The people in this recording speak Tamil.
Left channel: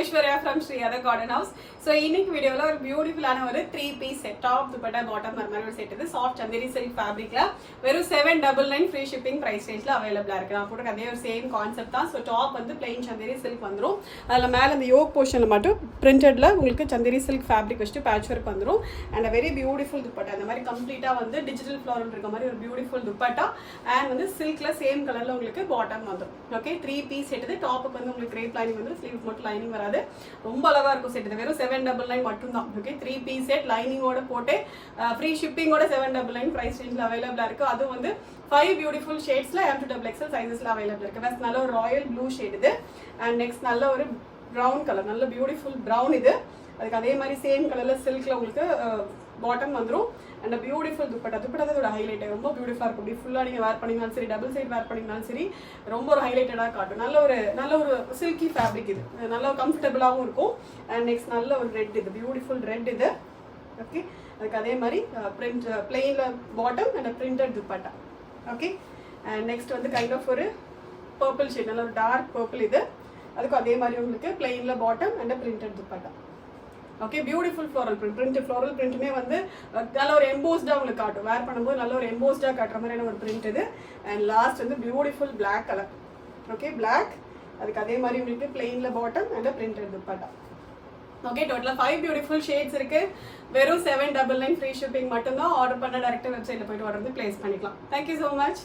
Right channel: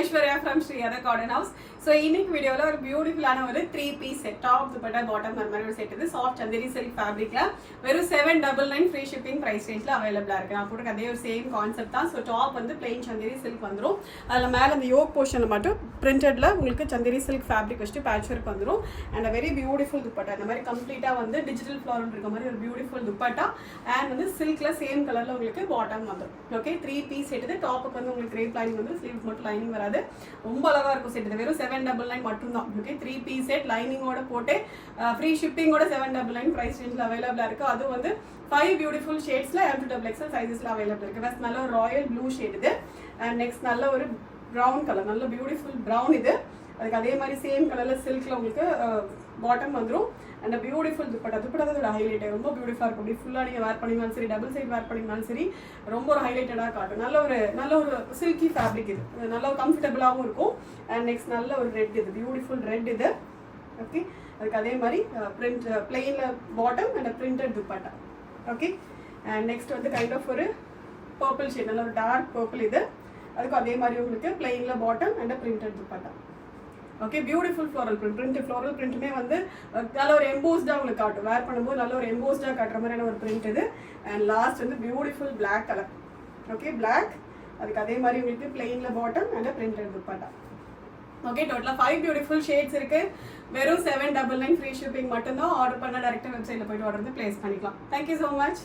Aishwarya from Sriyatha garden house. So இன்னைக்கு வீடியோவில் ஒரு பியூட்டிஃபுல்லான ஒரு 3 piece set, top dupatta bottom மாதிரி ஒரு செட். இது சாஃப்ட் சந்தேரி சில்க் ஃபேப்ரிக்ல வெறும் 799 ஃப்ரீ ஷிப்பிங் பிரைஸ் ரேஞ்சில் அவைலபிளாக இருக்கு. நான் போட்டு அதே ஒரு சேம் கான்செப்ட் தான். ஸோ டாப் வந்து பிளெயின் சந்தேரி சில்க் வந்துடும். அதில் மேலே அந்த யோக் போர்ஷனில் மட்டும் பிரிண்டட்ல உங்களுக்கு சந்தேரி சில்க் ஃபேப்ரிக் வச்சுட்டு பேட்ச் ஒர்க் வந்துடும். And very beautiful dupatta. அந்த மாதிரி கம்ப்ளீட்டாக வந்து டிஜிட்டல் ஃப்ளாரல் இருக்க மாதிரி ஒரு பியூட்டிஃபுல் துப்பட்டா. அண்ட் வந்து சில்க்ல சேம் கலர்ல உங்களுக்கு பாட்டம் வந்துடும். Okay, 3 piece set. இது டாப்புக்கு வந்து உங்களுக்கு கிரேப் லைனிங் வந்து ஸ்லீவ் மட்டும் லைனிங் வராது. ரொம்ப அழகா இருக்கும் செட். இது வெறும் 799 மட்டும் தான். ஓகே, 3 பீஸ் செட் லைனிங்கோட போட்டு ஃப்ரீ ஷிப்பிங்கோட 799 பிரைஸ் ரேஞ்சில் அவைலபிளா இருக்கு. அது வந்து 5 பியூட்டிஃபுல் ஷேட்ஸ்ல M to XXL சைஸஸ்ல அவைலபிள் இருக்கு. ஃபர்ஸ்ட் நல்ல ஒரு ராயல் ப்ளூ ஷேட் இது. அண்ட் நெக்ஸ்ட் நல்ல ஒரு ப்ரௌன் கலர், நல்ல பியூட்டிஃபுல் ப்ரௌன் இது. அதுக்கு அதே மாதிரி சேம் கலர்ல சில்க்ல உங்களுக்கு பாட்டம் வந்துடும். And beautiful dupatta. துப்பட்டா இதோட ஹைலைட் ரொம்ப பியூட்டிஃபுல்லாக இருக்கும். அப்படி ஃபுல்லாக நீங்கள் வேர் பண்ணிங்கனாலும் சரி, டபுள் சைட் வேர் பண்ணிங்கனாலும் சரி, ரொம்ப ஒரு ஹைலைட்டடாக காட்டும். நல்ல ஒரு சில்கி ஃபேப்ரிக் இது. நல்ல ஒரு கம்ஃபர்டபுளாகவும் இருக்கும். அண்ட் நெக்ஸ்ட் நல்ல ஒரு ரெட் இது, பியூட்டிஃபுல் ரெட் இது. ஓகே, அதுக்கு அதே மாதிரி பிரிண்ட் பிளெயினில் bottom and printed dupatta. Okay, and next வந்து கைண்ட் ஆஃப் ஒரு பர்பிள் ஷேட், நல்ல ஒரு டார்க் பர்பிள் இது. அதுக்கும் அதே மாதிரி உங்களுக்கு பிளெயினில் bottom and printed dupatta. Okay, beautiful floral print. Floral பிரிண்ட்டுமே வந்து நல்ல ஒரு எம்போஸ்டாக உங்களுக்கு காட்டும். வேர் பண்ணும்போது நல்ல ஒரு எம்போஸ்டாக காட்டுற மாதிரியான ஒரு பிரிண்ட் இது. அண்ட் லாஸ்ட் வந்து beautiful black colour. Okay, black. அதுக்கு அதே மாதிரி உங்களுக்கு பிளெயினில் bottom and printed dupatta. Okay, டோட்டலாக 5 பியூட்டிஃபுல் ஷேட்ஸ் இருக்கு. வெறும் 799 ஃப்ரீ ஷிப்பிங் மட்டும்தான். ஆர்டர் பண்ண டேரக்டாக வெப்சைட்டில் போயிட்டு ஆர்டர் வந்து பிளேஸ் பண்ணிக்கலாம். Thank you so much.